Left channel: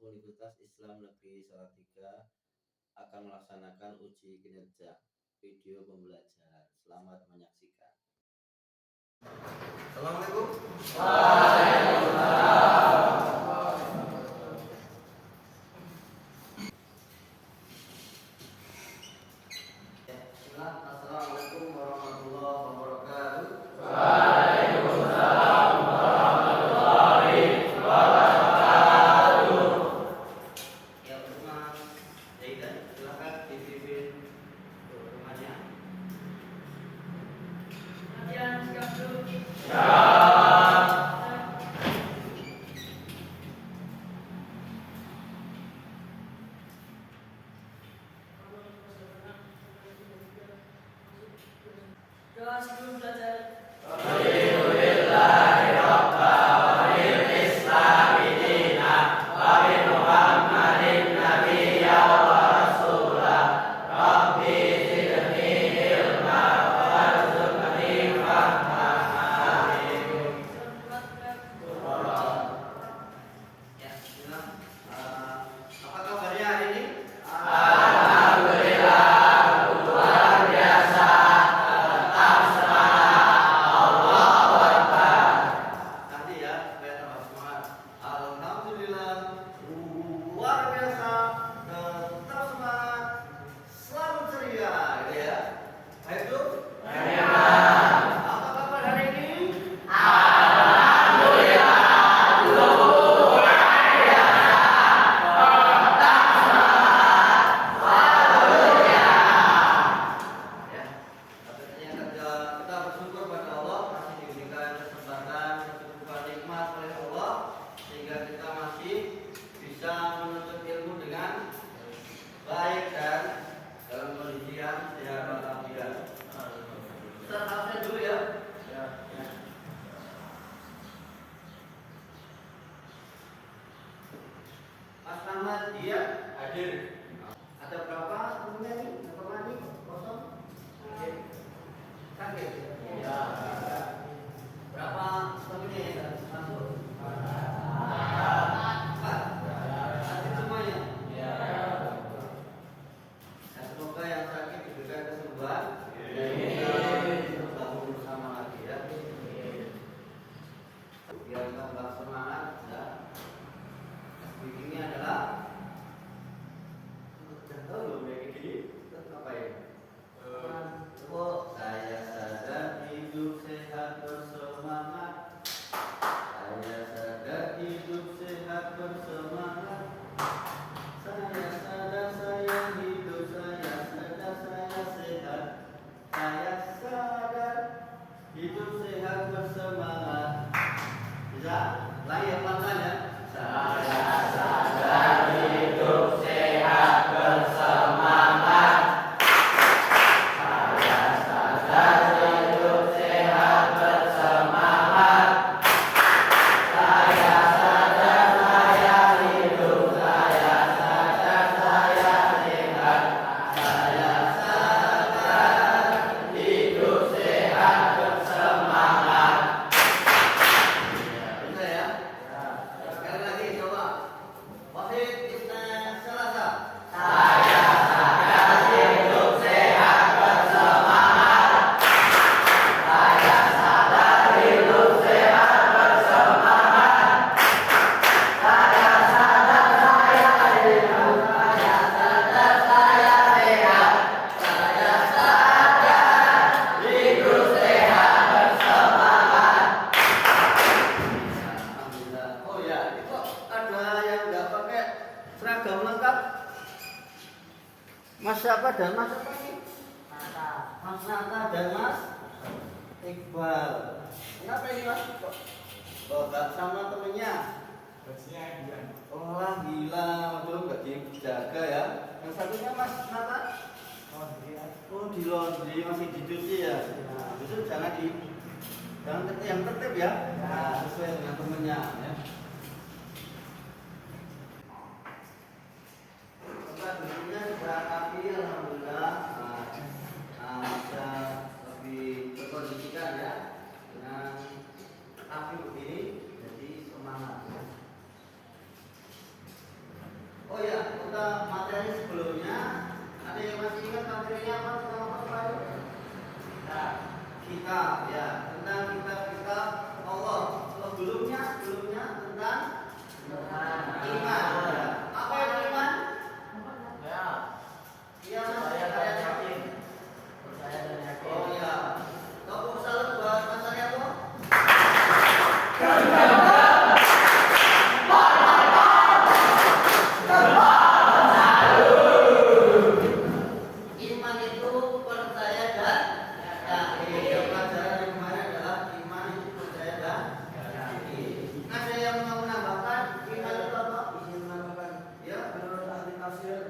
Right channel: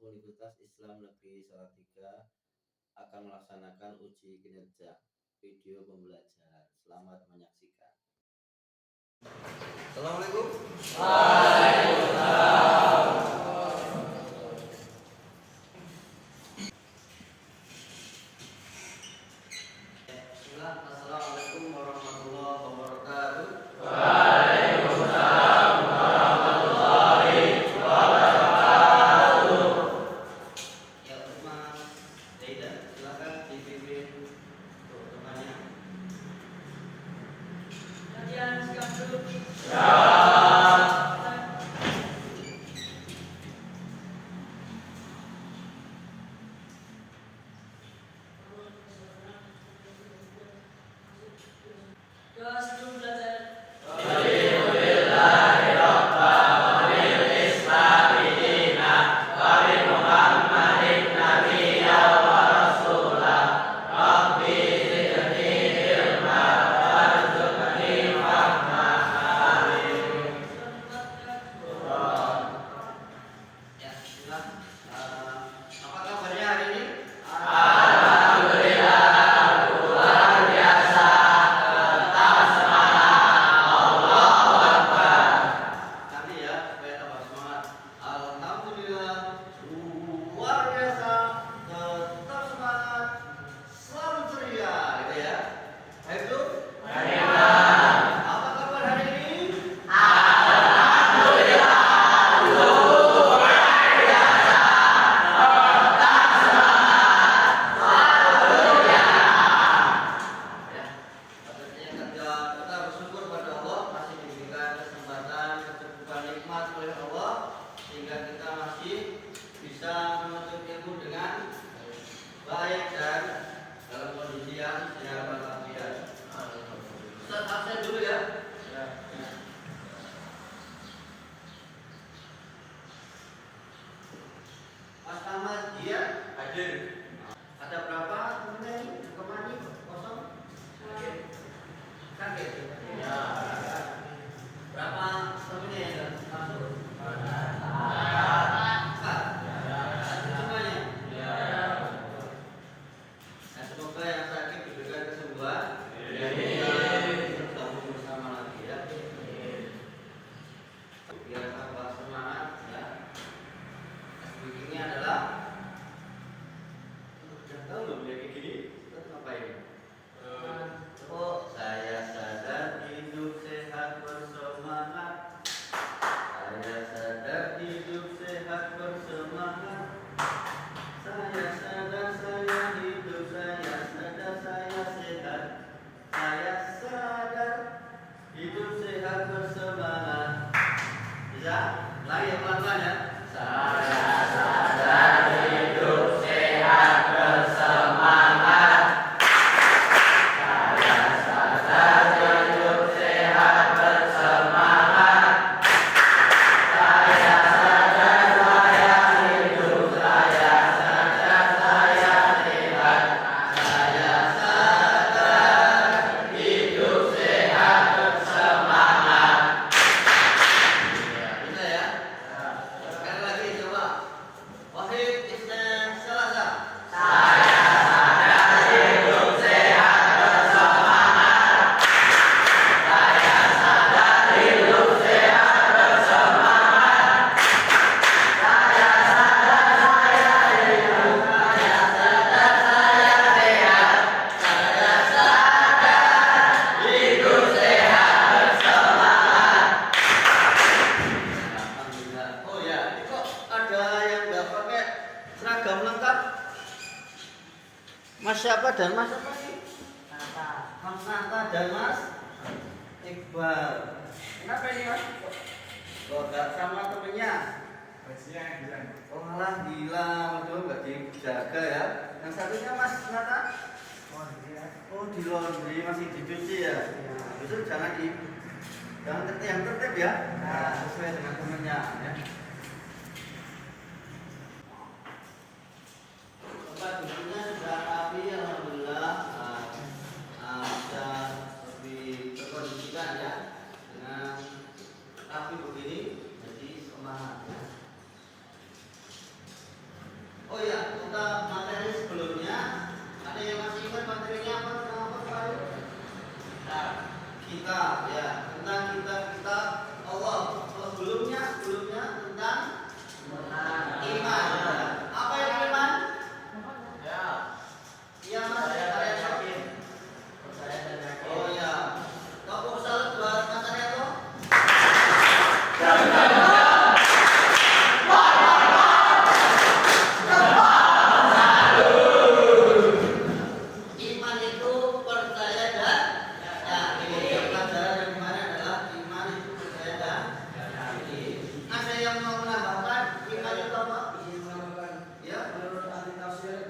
Universitas Islam Negeri Salatiga akan melaksanakan uji kinerja video pembelajaran. Selamat menyaksikan. Assalamualaikum. Assalamualaikum warahmatullahi wabarakatuh. Ya, Mas Zaidan, silakan dipimpin temannya. Latihan sikap dulu. Doa sebelum belajar. Ya, silakan. Apa kabarnya hari ini? Nanti ya, supaya tambah semangat. Alhamdulillah, luar biasa, tetap semangat, selalu ceria, gitu ya. Baik tuh? Apa kabar hari ini? Ya, yang kedua, kita bersyukur pada Allah masih diberikan kesempatan, kecukupan nikmat oleh Allah sehingga kita masih bisa menuntut ilmu dengan baik dan dalam kondisi yang sehat walafiat. Ustaz absen dulu ya. Mas Ahmad dia hadir. Ada berapa temennya ini? Yang kemana ini? Kosong? Kan gitu? Ya. Berapa temennya yang masuk? Empat. Satu semuanya? Ya, semoga yang sakit diberikan kesembuhan. Bertemu bersama lagi ya. Biar tambah semangat ya. Ini adalah udah tahu belum ya kayak gini? Terus ngapain? Oh, saya sadar hidup sehat bersemangat. Saya sadar hidup sehat bersemangat. Saya sadar saya hidup, saya sadar saya sehat. Saya sadar hidup sehat bersemangat. Bisa? Lagi ya pelan-pelan ya. Saya sadar hidup sehat bersemangat. Saya sadar hidup sehat bersemangat. Saya sadar saya hidup, saya sadar saya sehat. Saya sadar hidup sehat bersemangat. Bisa ya? Sekali lagi coba. Wahid Isnan Salasa. Saya sadar hidup sehat bersemangat. Saya sadar hidup sehat bersemangat. Saya sadar saya hidup, saya sadar saya sehat. Saya sadar hidup sehat bersemangat. Alhamdulillah. Oh ya, ini kok ada yang nggak pakai seragam lengkap? Mas siapa dan Mas siapa ini? Mas Nata dan Mas Iqbal. Kenapa ini Mas? Kok nggak sama temennya? Oh lah gila, waduh nggak dijaga ya. Yang satunya Mas Nata? Oh di laundry masih dicuci ya. Nah, besok jangan tertib, yang tertib ya. Nah, sesuai dengan temennya ya. Tempat duduknya sudah rapi, alhamdulillah. Bisa lebih terkondisikan ya dengan rapi begini. Jadi semangat ya. kitab ya, tentang kitab-kitab Allah. Sebelumnya tentang iman. Ya. Apa yang iman? Ya. Iya Mas, Percaya dan kalian yakin. Percaya dan yakin. Oh ya. Kok salah buat Mas Arianto? Iman itu percaya dan yakin. Pelajaran yang kemarin adalah iman itu percaya dan yakin. Ada yang mau menambahkan iman itu apa? Izin menambahkan, Ya. menurut ahli tafsir,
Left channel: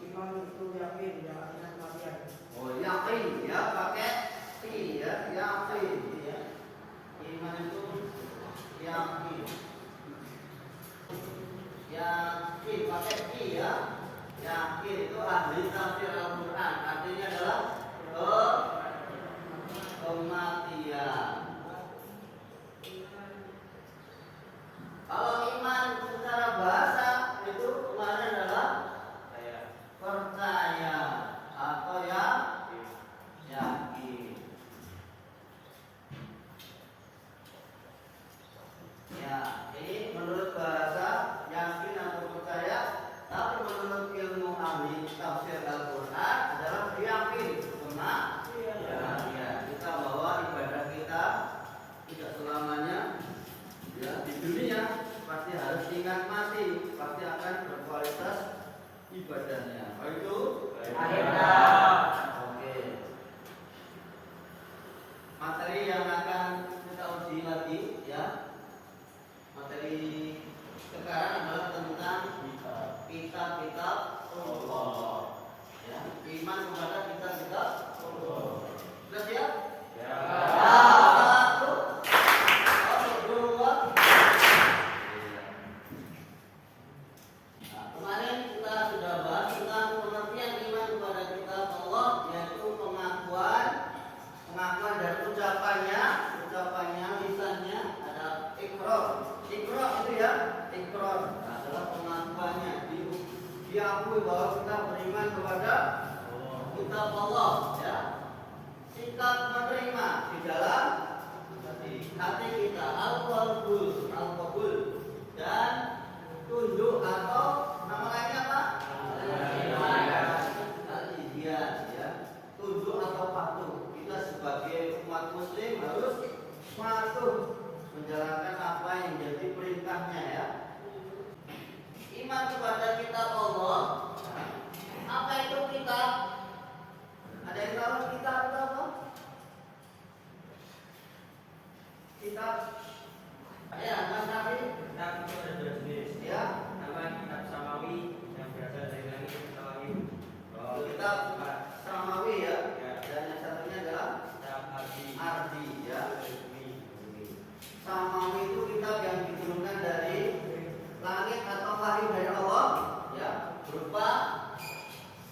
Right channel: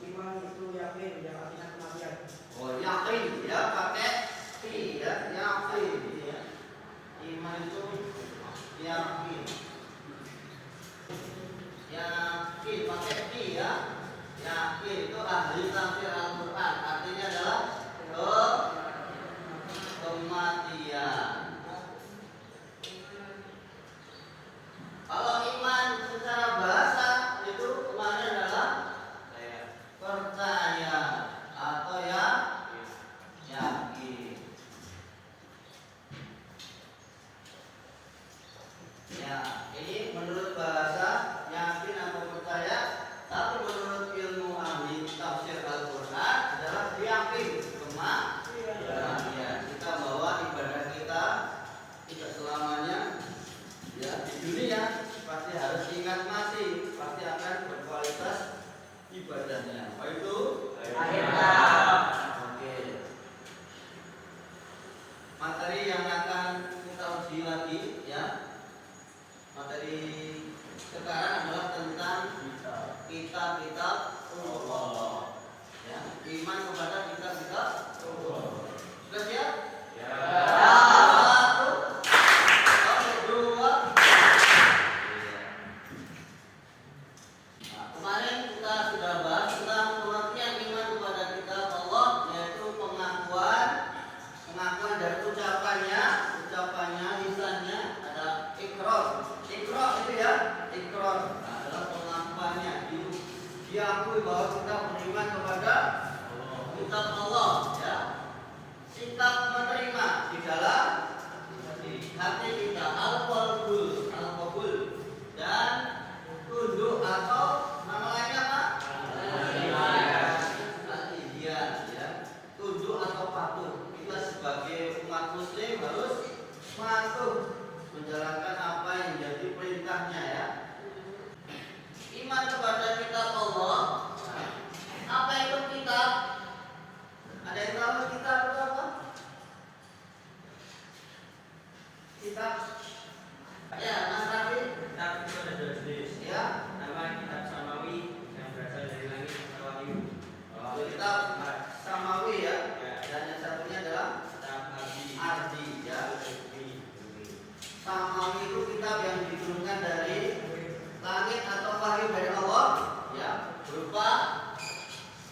iman itu yakin dengan kematian. Oh yakin ya pakai fi ya yakin ya. Iman itu yakin. Yakin pakai fi ya. Yakin itu ahli tafsir Al-Quran. Artinya adalah kematian. Kalau iman secara bahasa itu kemarin adalah percaya atau ya yakin. Ya, ini menurut bahasa yakin atau percaya, tapi menurut ilmu ahli tafsir Al-Quran adalah yakin. Ya, kita bahwa ibadah kita tidak selamanya ya di dunia pasti harus ingat mati, pasti akan berkualitas ibadahnya. Apa itu? Oke. Materi yang akan kita uji lagi ya. Materi sekarang adalah tentang kitab-kitab Allah. Ya, iman kepada kitab-kitab Allah. Sudah siap? Ya. Satu, dua. Nah, kemarin kita sudah bahas tentang pengertian iman kepada kitab Allah, yaitu pengakuan dari ucapannya, lisannya ada ikrar itu ya, ikrar adalah pengakuannya, diakui bahwa kita beriman kepada kitab Allah ya. Sikap menerima di dalam hati kita al-qabul dan tunduk atau nama lainnya apa? Al-idyan ya. Tunduk atau patuh. Kita sebagai umat muslim harus patuh menjalankan apa yang jadi perintahnya ya. Iman kepada kitab Allah. Apa itu kitab? Ada yang tahu kitab itu apa? Kitab ya, Mas Rafi. Kitab itu ada dua jenis. Ya. Pertama kitab samawi yang berasal dari langit samawi. Kitab samawi ya. Ya. Dan yang satunya adalah Kitab ardi ya. Samawi itu kitab yang diturunkan dari langit atau wahyu dari Allah ya, berupa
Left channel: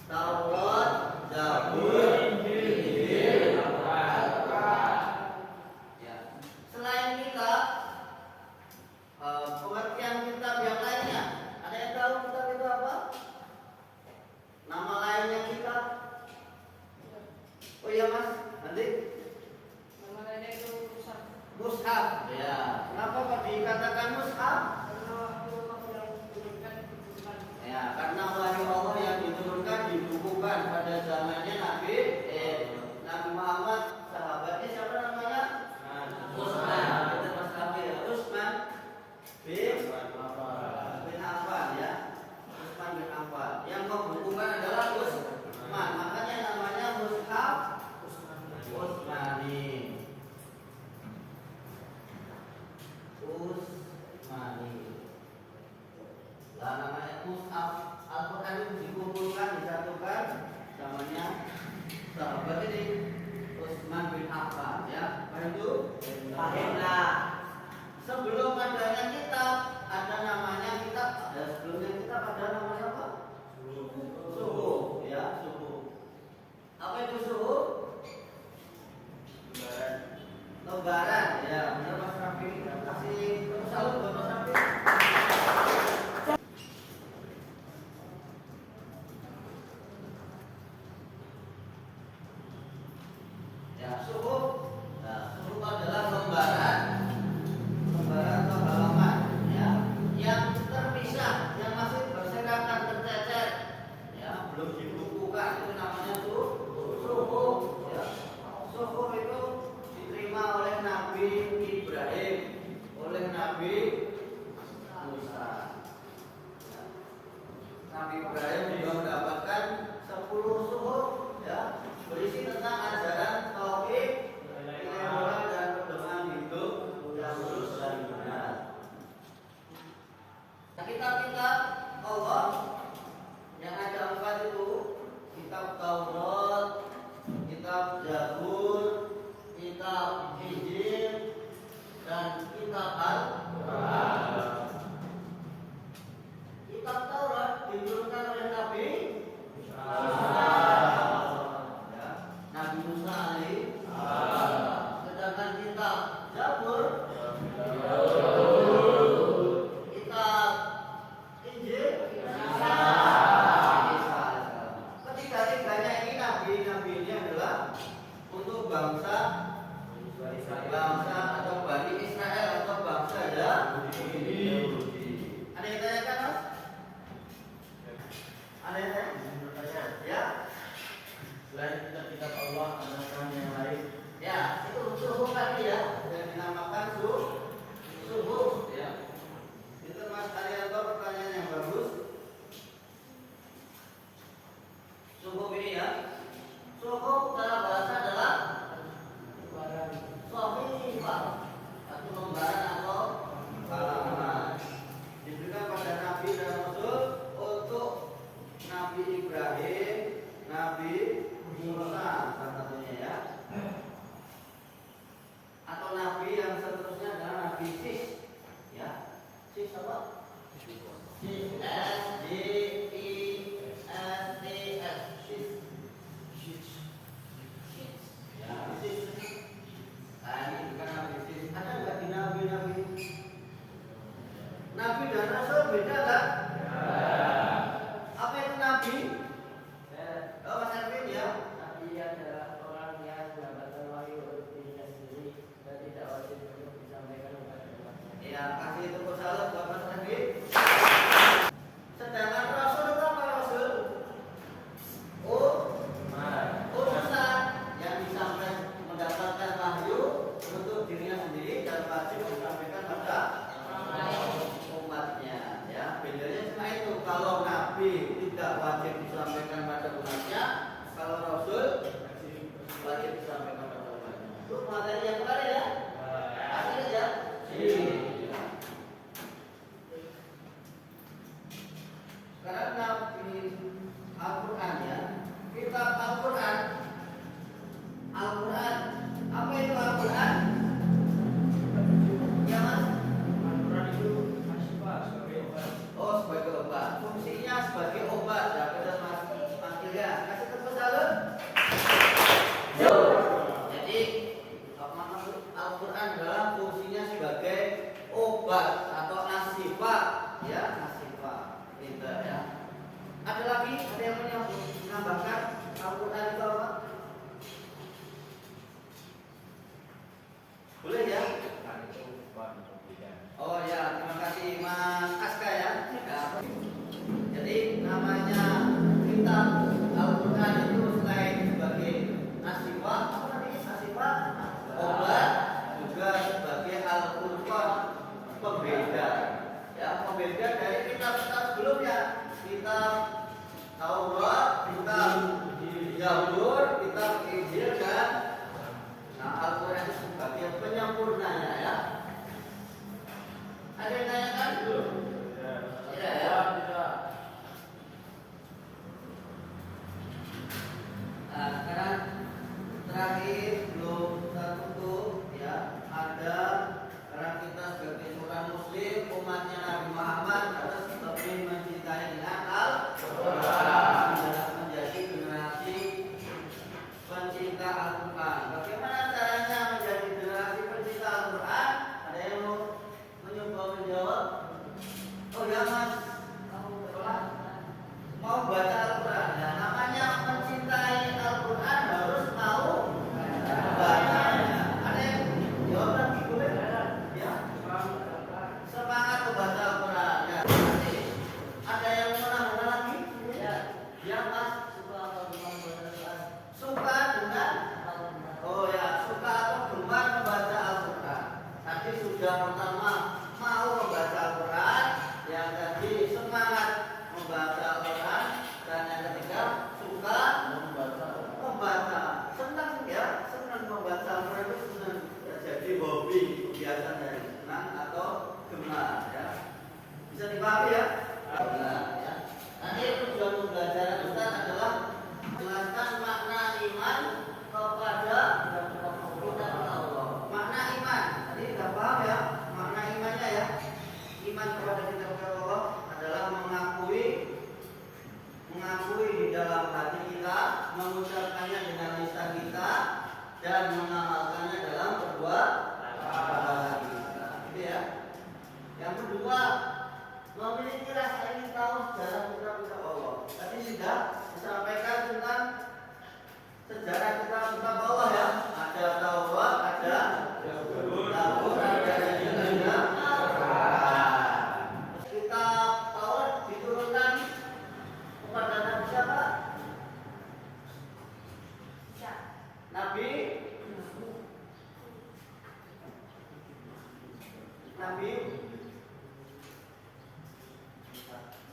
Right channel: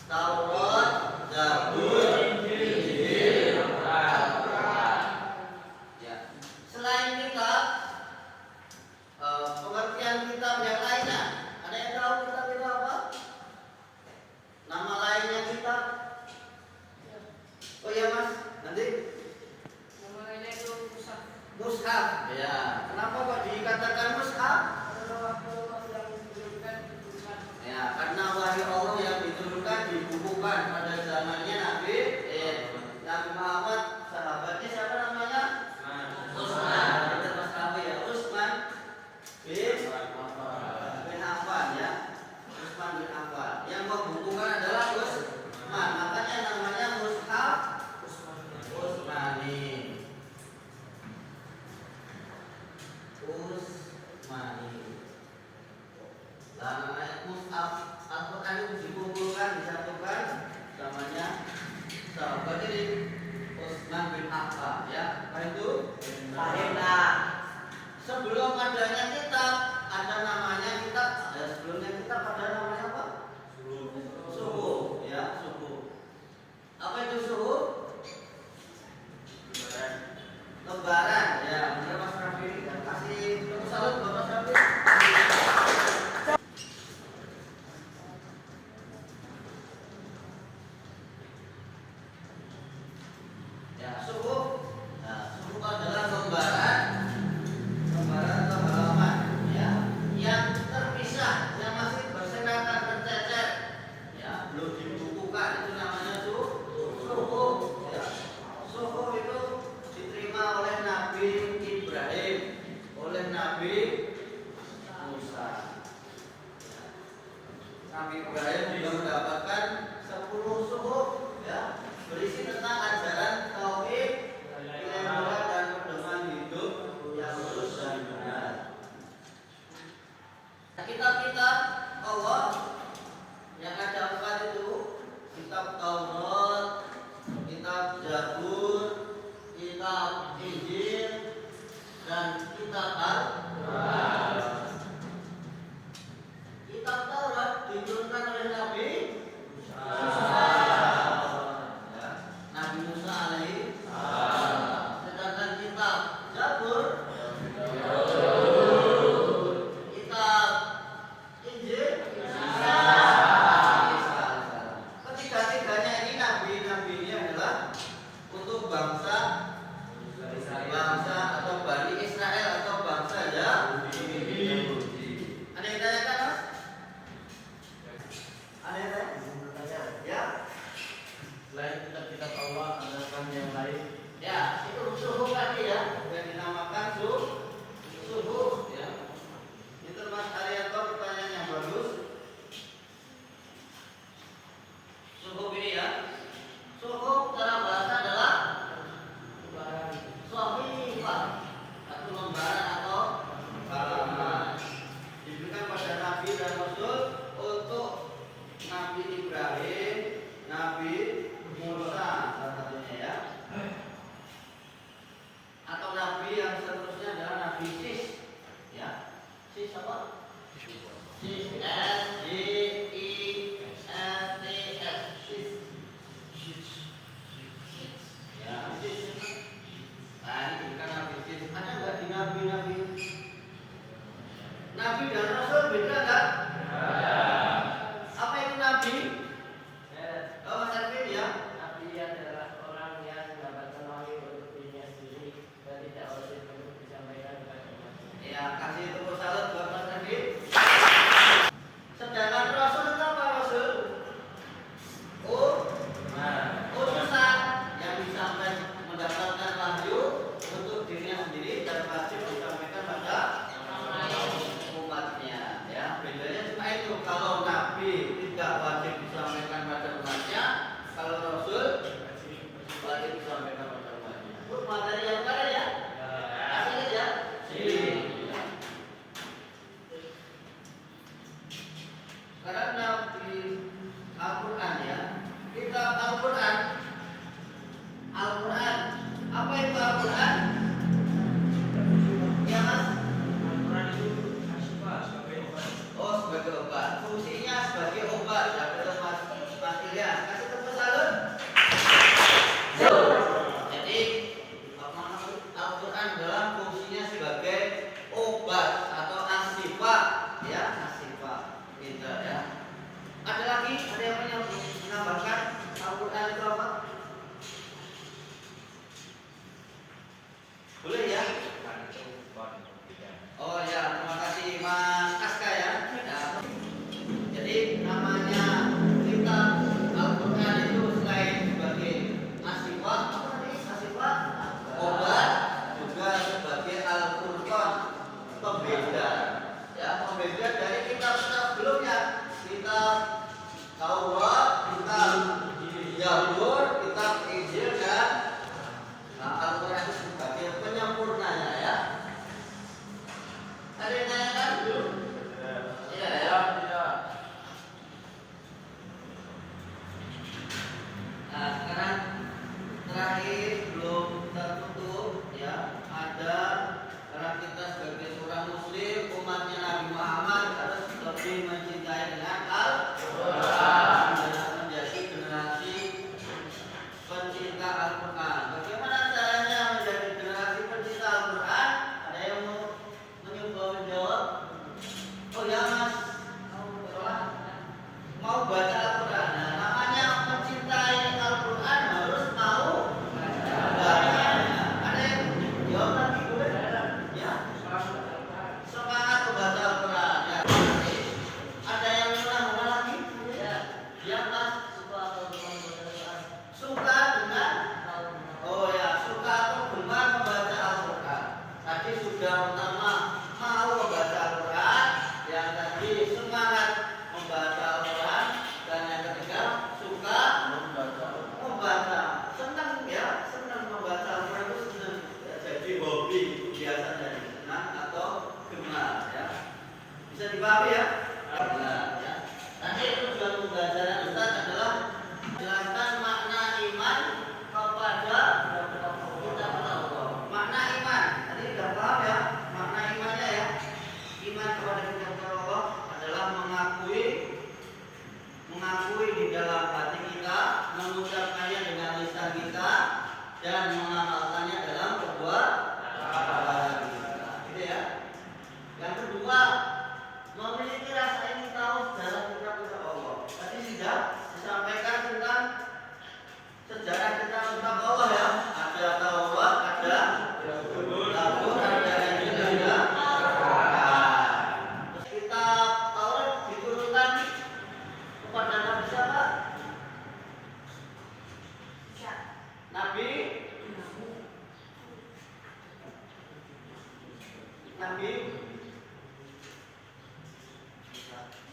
Taurat, Zabur, Injil, Al-Quran. Ya. Selain kitab, pengertian kitab yang lainnya, ada yang tahu kitab itu apa? Nama lainnya kitab? Oh iya Mas, nanti Nama lainnya itu rusak. mushaf. Ya. Kenapa kok dikatakan mushaf? Karena waktu yang diturunkan dibukukan. Ya, karena wahyu Allah yang diturunkan dibukukan pada zamannya Nabi Muhammad, sahabatnya siapa namanya? Utsman. Kita Mas Nabi ya, Utsman bin Affan ya. Utsman bin Affan. Yang membukukan adalah Utsman. Makanya namanya mushaf Utsmani. Utsmani. Lah namanya mushaf Al-Quran itu dikumpulkan, disatukan, namanya sahabat ini Utsman bin Affan ya. Apa itu? Sebelum adanya kitab, ada namanya kitab. Dan sebelumnya kitab ada namanya apa? Suhuf ya, suhuf. Apa itu suhuf? Lembaran ya. Benar Mas Rafi. Kasih salut buat Mas Rafi. Ya, suhuf Nabi Ibrahim juga mendapatkan 10 suhuf ya, berisi tentang ajaran tauhid, ilmu dan pedoman hidup yang lurus dan benar. Kitab-kitab Allah yang ada 4 itu, kitab Taurat, kitab Zabur, kitab Injil, dan kitab Al-Quran. Kitab Taurat diturunkan oleh Nabi Musa, ya, Nabi Musa alaihi salam. Sedangkan kitab Zabur, kitab Injil, Isa. Ketiga-tiganya ini nabi-nabi ini adalah untuk bangsa atau Bani Israel atau bangsa Yahudi. Ada yang tanyakan, Mas? Ada yang tanya? Ya. Selain kitab Allah, adakah yang lain? Ya, itu suhu tadi ya, dan dinamakan suhu ya. Itu Mas Arianto, pertanyaan yang bagus. Suhu ini ya. Suhu dalam bahasa adalah sohifah, satu lembaran atau halaman, diberikan pada Nabi dan Rasul untuk Nabi Ibrahim, Nabi Musa salah satunya ya, atau Nabi yang seterusnya adalah Nabi Sis ya. Sis apa? Sis, S-I-S-T-S, Sis. Ya, Sis. Nah, ini bukan Nabi Sis. Ada nggak di Nabi-Nabi? Nabi dan Rasul beda nggak? Apa itu Nabi? Oh, Mas Erwin ya. Nabi adalah orang yang mendapatkan wahyu untuk dirinya sendiri dan tidak wajib untuk disampaikan kepada umatnya. Ya, kasih tepuk salut buat Mas Erwin. Sedangkan Rasul itu apa Rasul? Utusan yang disampaikan mendapatkan wahyu untuk dirinya sendiri dan wajib disampaikan pada umatnya. Ya, bedanya cuma itu. Kalau Nabi tidak wajib disampaikan pada umatnya, kalau Rasul wajib disampaikan pada umatnya. Itu materi yang mana ya? Asli ya. Sekarang Nabi Al-Quran ya. Kitab Al-Quran. Al-Quran. Apa itu Al-Quran? Ya Mas? Al-Quran itu asyifa sebagai obat. Oh, sebagai obat. Fungsinya sebagai obat. Ya, betul Mas. Mas Ilya. Kasih tepuk salut. Jadi Al-Quran adalah fungsinya sebagai obat atau asyifa ya, asyifa. Gitu ya. Ada lagi? Ada yang menambahkan Al-Quran itu apa? Boleh ya? Oh ya, terima kasih Mas Aska ya. Nah, jadi namanya kitab Al-Quran itu selain sebagai asyifa, apa tadi? Asyifa, obat, juga sebagai Al-Qur'an, pembeda. Ya, pembeda dari kitab-kitab sebelumnya. Kitab Taurat, kitab Zabur, kitab Injil dan Al-Quran itu sebagai penyempurnanya ya. Ada yang tanyakan? Ya, ya. Nah, sekarang terakhir belum tertutup ya. Ada karena kita sebagai seorang Muslim, umatnya Nabi Muhammad harus lebih mencintai dengan Al-Quran, menjadi generasi pencinta Al-Quran. Bagaimana caranya menjadi generasi pencinta Al-Quran? Ada yang mau mencoba menjawab? Bisa dipahami ya? Ya. Nanti tujuan pembelajaran Ustaz adalah menjelaskan makna iman kepada kita Allah. Makna iman, tadi sudah paham ya? Makna imannya ya. Iman kepada kita Allah adalah mengakui di dalam hati kita, mengucapkannya dengan lisan kita, dan mengamalkannya dalam perbuatan kita. Gitu ya. Yang kedua, memiliki rasa ingin tahu sejarah kitab-kitab Allah. Tadi sudah disampaikan tentang sejarah kitab-kitab Allah ya. Ada Taurat, ada Zabur, ada Injil, ada Al-Quran. Kitab Taurat diturunkan kepada Nabi siapa? Nabi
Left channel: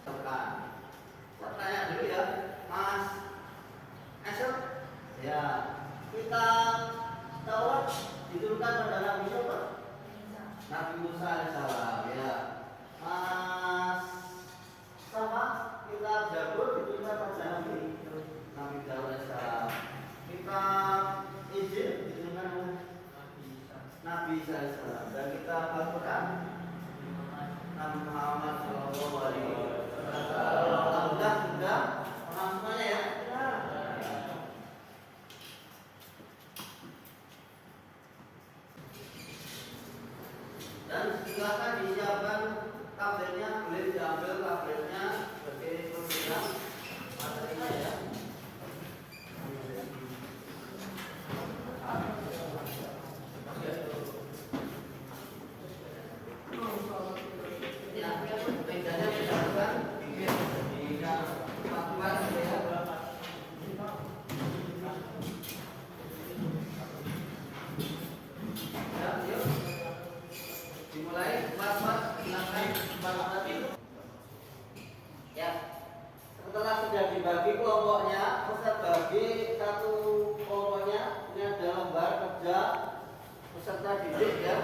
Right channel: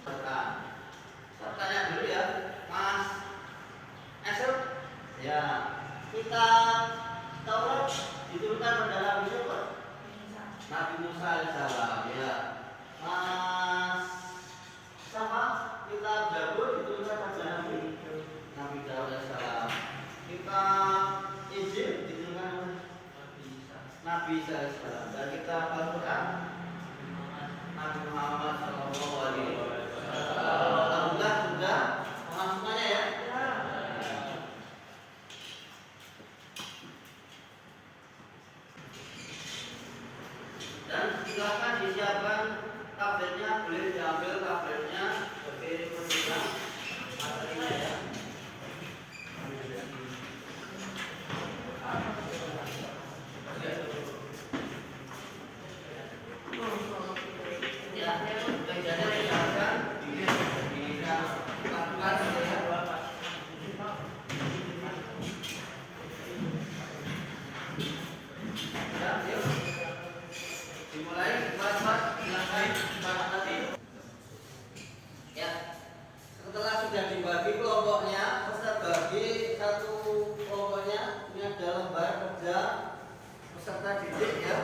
saya tanya dulu ya, Mas Esel. Ya, kita Taurat diturunkan pada Nabi siapa? Nabi Musa alaihissalam. Ya, Mas sama kita Zabur diturunkan pada Nabi Daud alaihissalam. Kita Injil diturunkan Nabi Isa alaihissalam. Dan kita Al-Quran Nabi Muhammad sallallahu alaihi wasallam. Alhamdulillah sudah semuanya ya. Dan silakan disiapkan tabletnya, boleh diambil tabletnya sebagai penunjang materinya ya. Setelah sudah dibagi kelompoknya, Ustaz bagi satu kelompoknya. Ini ada lembar kerja peserta didik ya.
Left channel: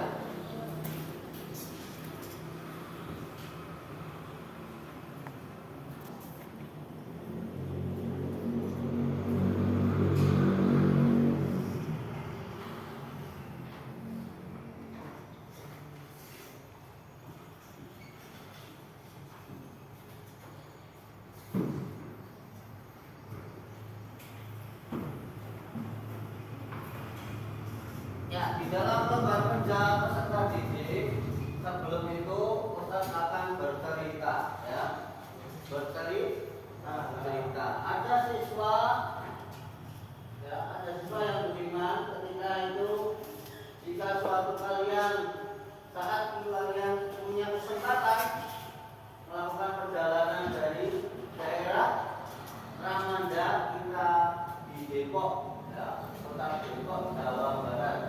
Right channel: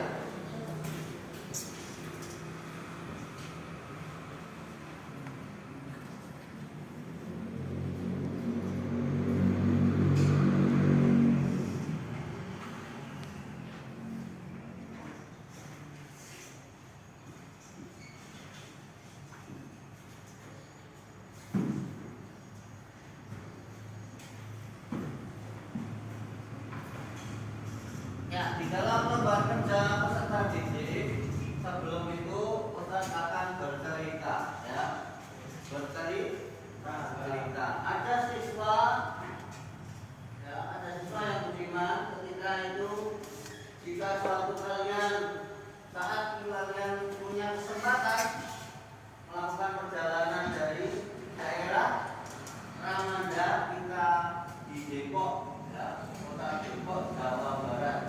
Ya, di dalam lembar kerja peserta didik sebelum itu Ustaz akan bercerita ya. Bercerita. Ada siswa yang beriman ketika itu jika suatu kalian saat kalian punya kesempatan melakukan perjalanan dari daerah Ramanda hingga di Depok ya, kota Depok, Jawa Barat.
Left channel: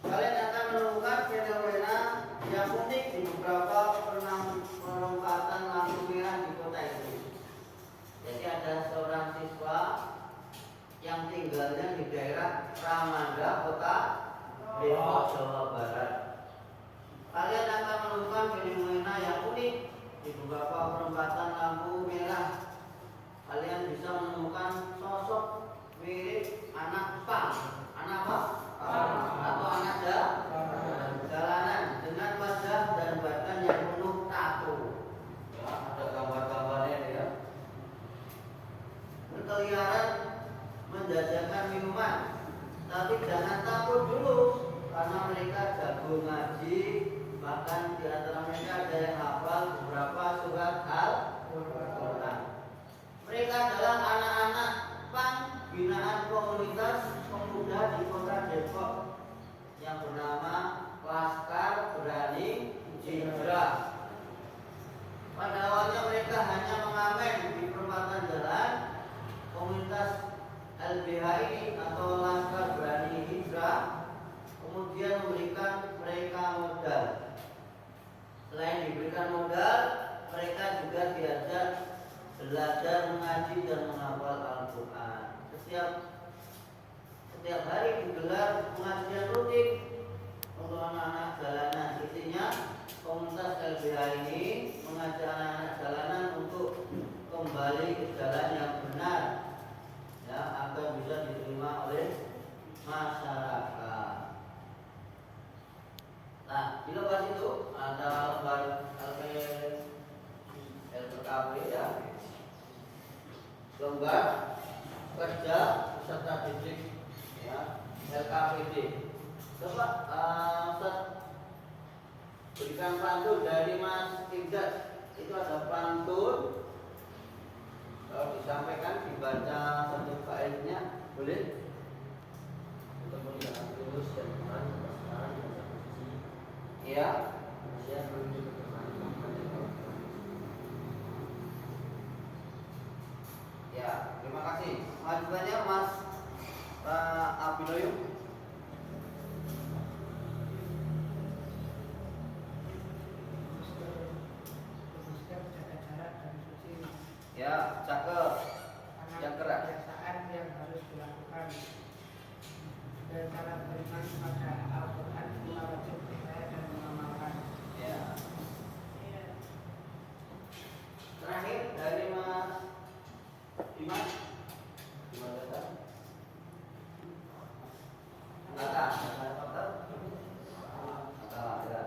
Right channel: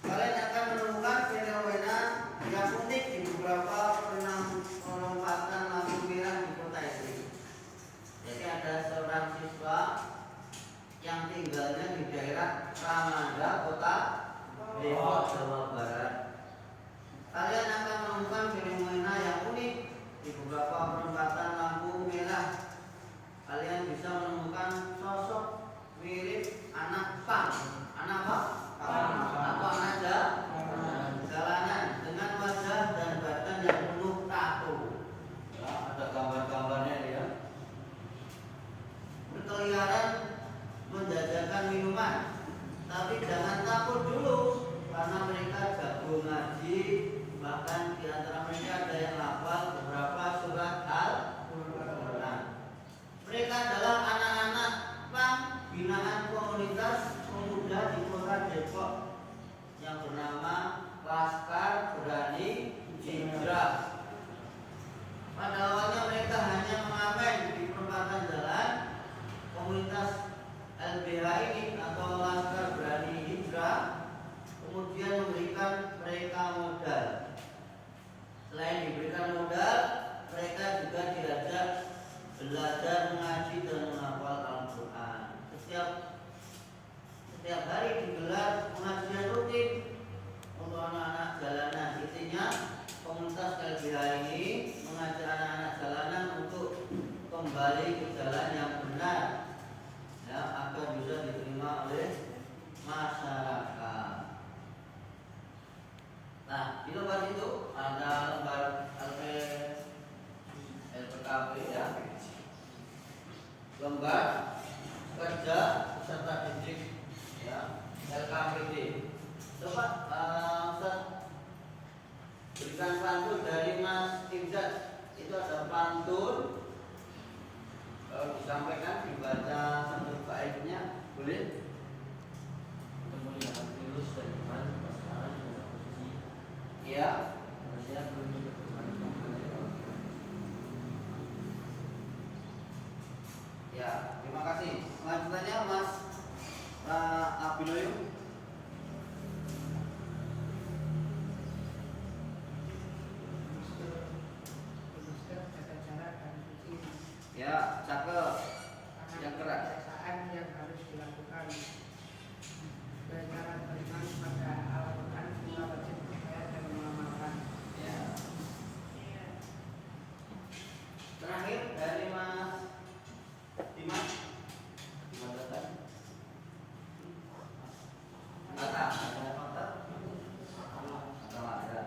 Kalian akan menemukan fenomena yang unik di beberapa penempatan lampu merah di kota ini. Jadi ada seorang siswa yang tinggalnya di daerah Ramanda, kota Depok, Jawa Barat. Kalian akan menemukan fenomena yang unik di beberapa penempatan lampu merah. Kalian bisa menemukan sosok mirip anak pang. Anak apa? Atau anak jalanan dengan wajah dan badan yang penuh tato. Ya, ada gambar-gambarnya ya. Berkeliaran menjajakan minuman. Tapi jangan takut dulu karena mereka jago ngaji. Bahkan di antara mereka ada yang hafal beberapa surat Al-Quran. Mereka adalah anak-anak pang binaan komunitas pemuda di kota Depok yang bernama Laskar Berani Hijrah. Pada awalnya mereka hanya mengamen di perempatan jalan. Komunitas LBH ini atau Laskar Berani Hijrah kemudian memberikan mereka modal. Selain diberikan modal, mereka juga diajak belajar mengaji dan menghafal Al-Quran. Setiap hari digelar pengajian rutin untuk anak-anak Nah, di lembar itu ada lembar LPKB ya, lembar kerja peserta didik ya, LKPD. Coba Ustaz berikan pantun dari Mas Imdad. Itu ada pantun, kalau disampaikan dibaca satu faedahnya boleh. Untuk melihat tulus dan iman pasangan di satu sisi. Ya. Saya belum Ya, terima kasih. Selanjutnya Mas Abiloyo. Ya, cakep. Yang keras. Kebiasaan yang harus dilakukan dengan beriman pada Al-Quran semua wajib percaya dan mengamalkan. Ya. Terakhir dari Mas Dimas. Dimas Dasar. Ada faktor? Ya.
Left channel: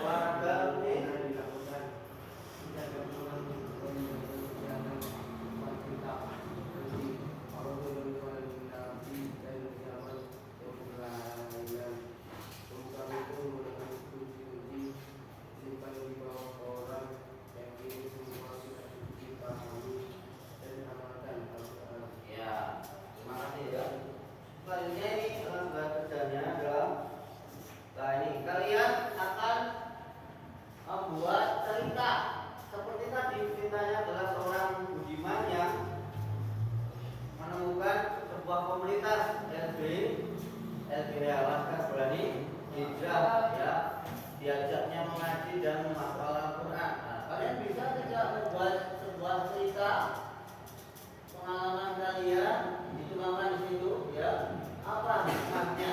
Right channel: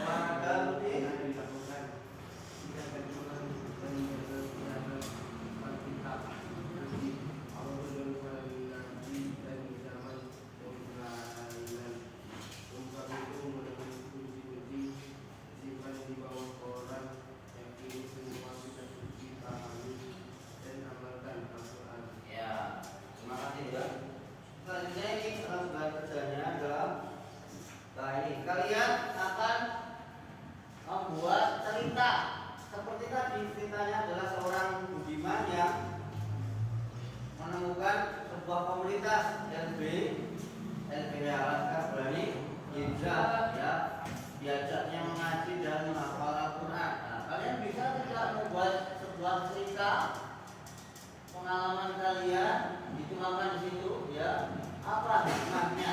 Olahraga rutin. dilakukan kita kebetulan menjaga kesehatan kita nanti Allah berdoa Nabi dan zaman yang untuk itu melalui kunci simpan di bawah koran yang ini semua sudah kita pahami dan amalkan Al-Quran. Ya, terima kasih ya. Selanjutnya ini lembar kerjanya adalah, nah ini kalian akan membuat cerita seperti tadi. Ceritanya adalah seorang budiman yang menemukan sebuah komunitas LB Alaska Berani Hijrah ya, diajaknya mengaji dan menghafal Al-Quran. Nah, kalian bisa tidak membuat sebuah cerita pengalaman kalian dituangkan di situ ya, apa hikmahnya?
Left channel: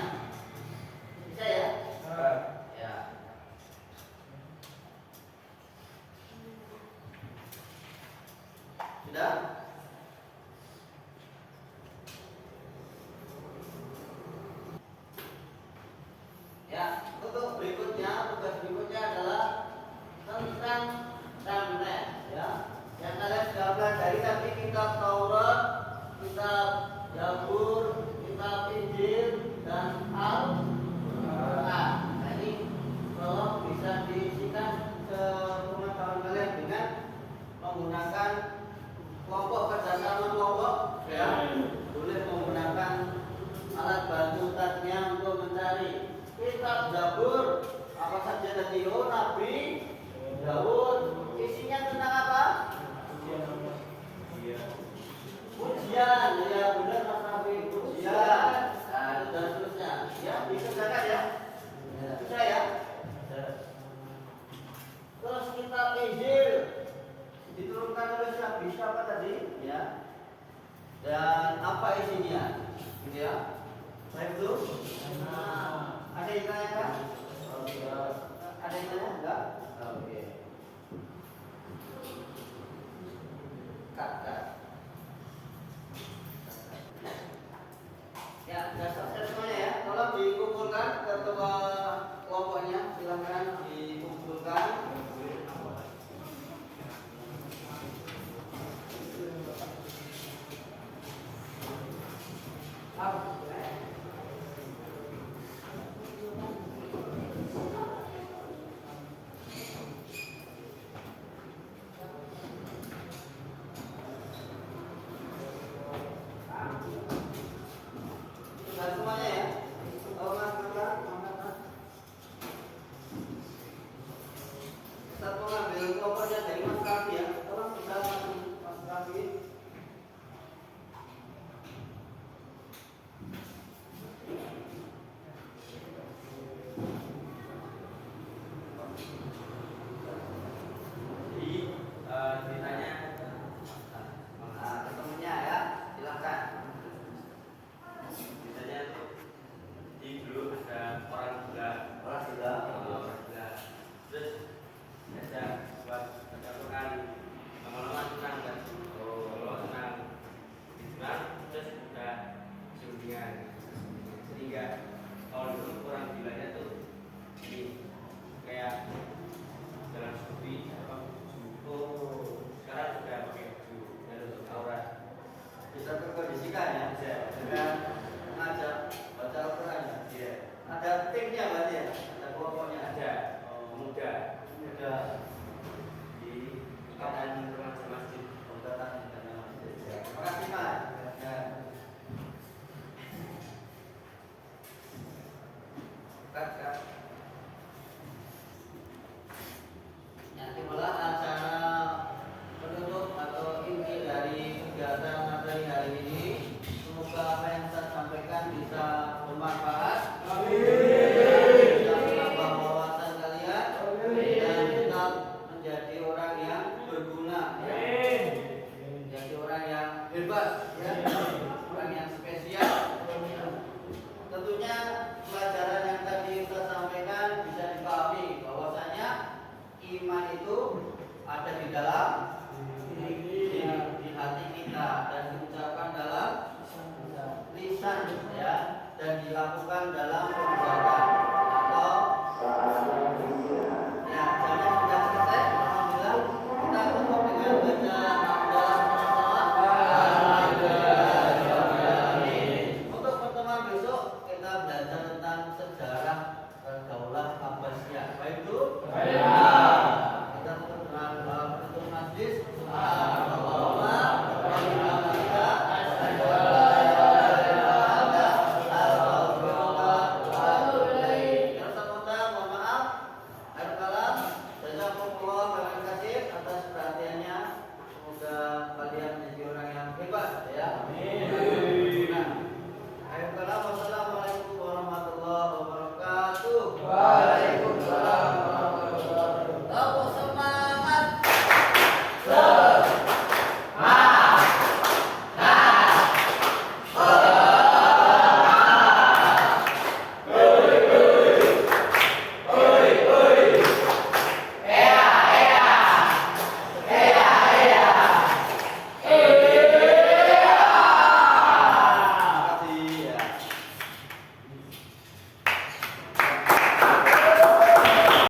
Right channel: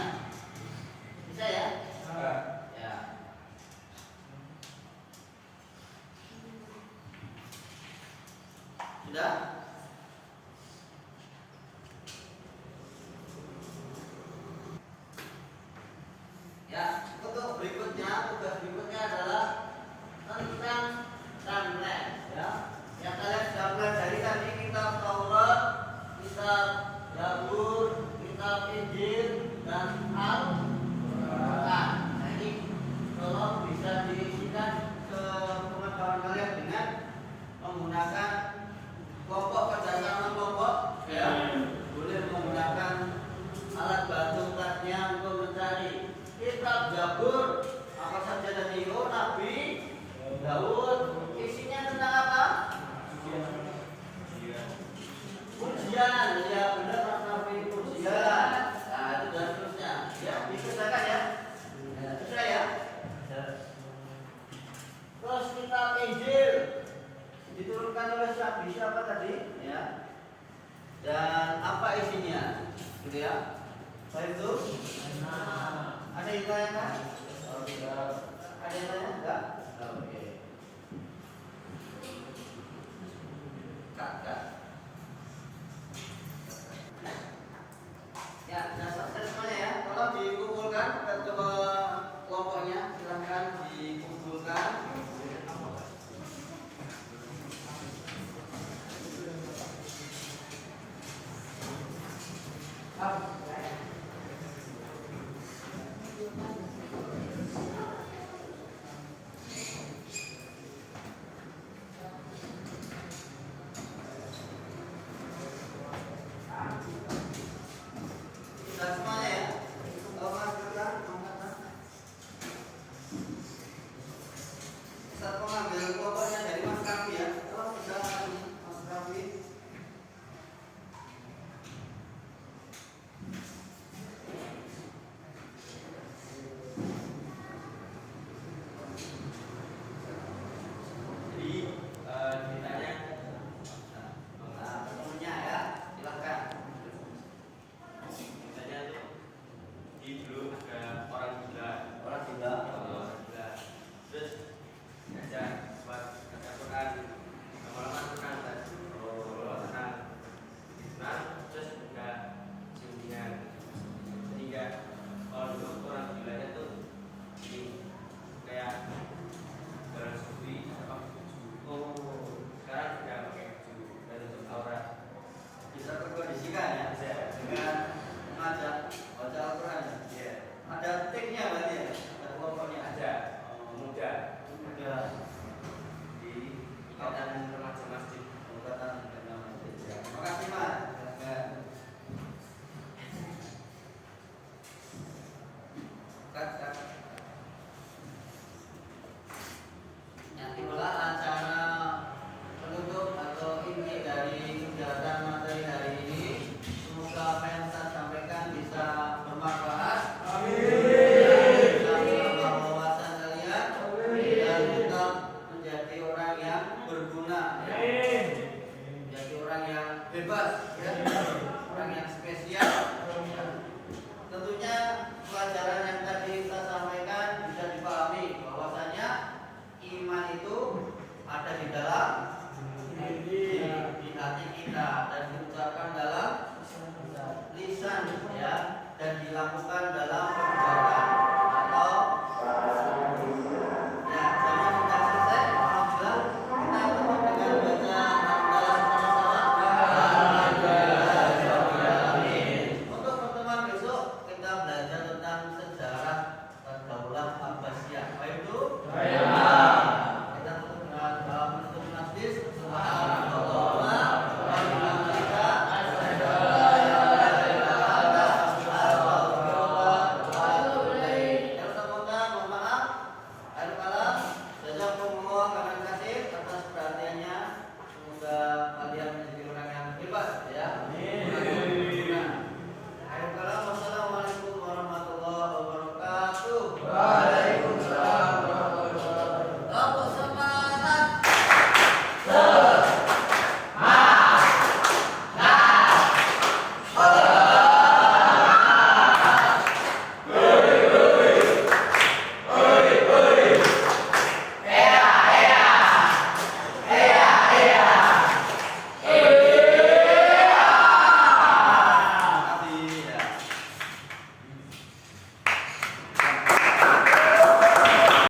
Bisa ya? Ya. Sudah? Ya, untuk berikutnya, tugas berikutnya adalah tentang timeline ya. Yang kalian sudah pelajari tadi kitab Taurat, kitab Zabur, kitab Injil dan Al-Quran. Nah ini tolong bisa diisikan ke pengetahuan kalian dengan menggunakan kelompok kerjasama kelompok ya. Boleh menggunakan alat bantu tasnya untuk mencari kitab Zabur, apa saja Nabi Daud, isinya tentang apa? Pujian, ya benar Mas Nabi, pujian. Nah, itu dan seterusnya. Ya, dikerjakan ya. Bisa ya? Terus kitab Injil diturunkan oleh siapa tadi? Ya. Dan apa isinya? Gitu ya. Baik itu. Ada yang tanya kan? Ada yang tanya? Enggak? Oke. Kak.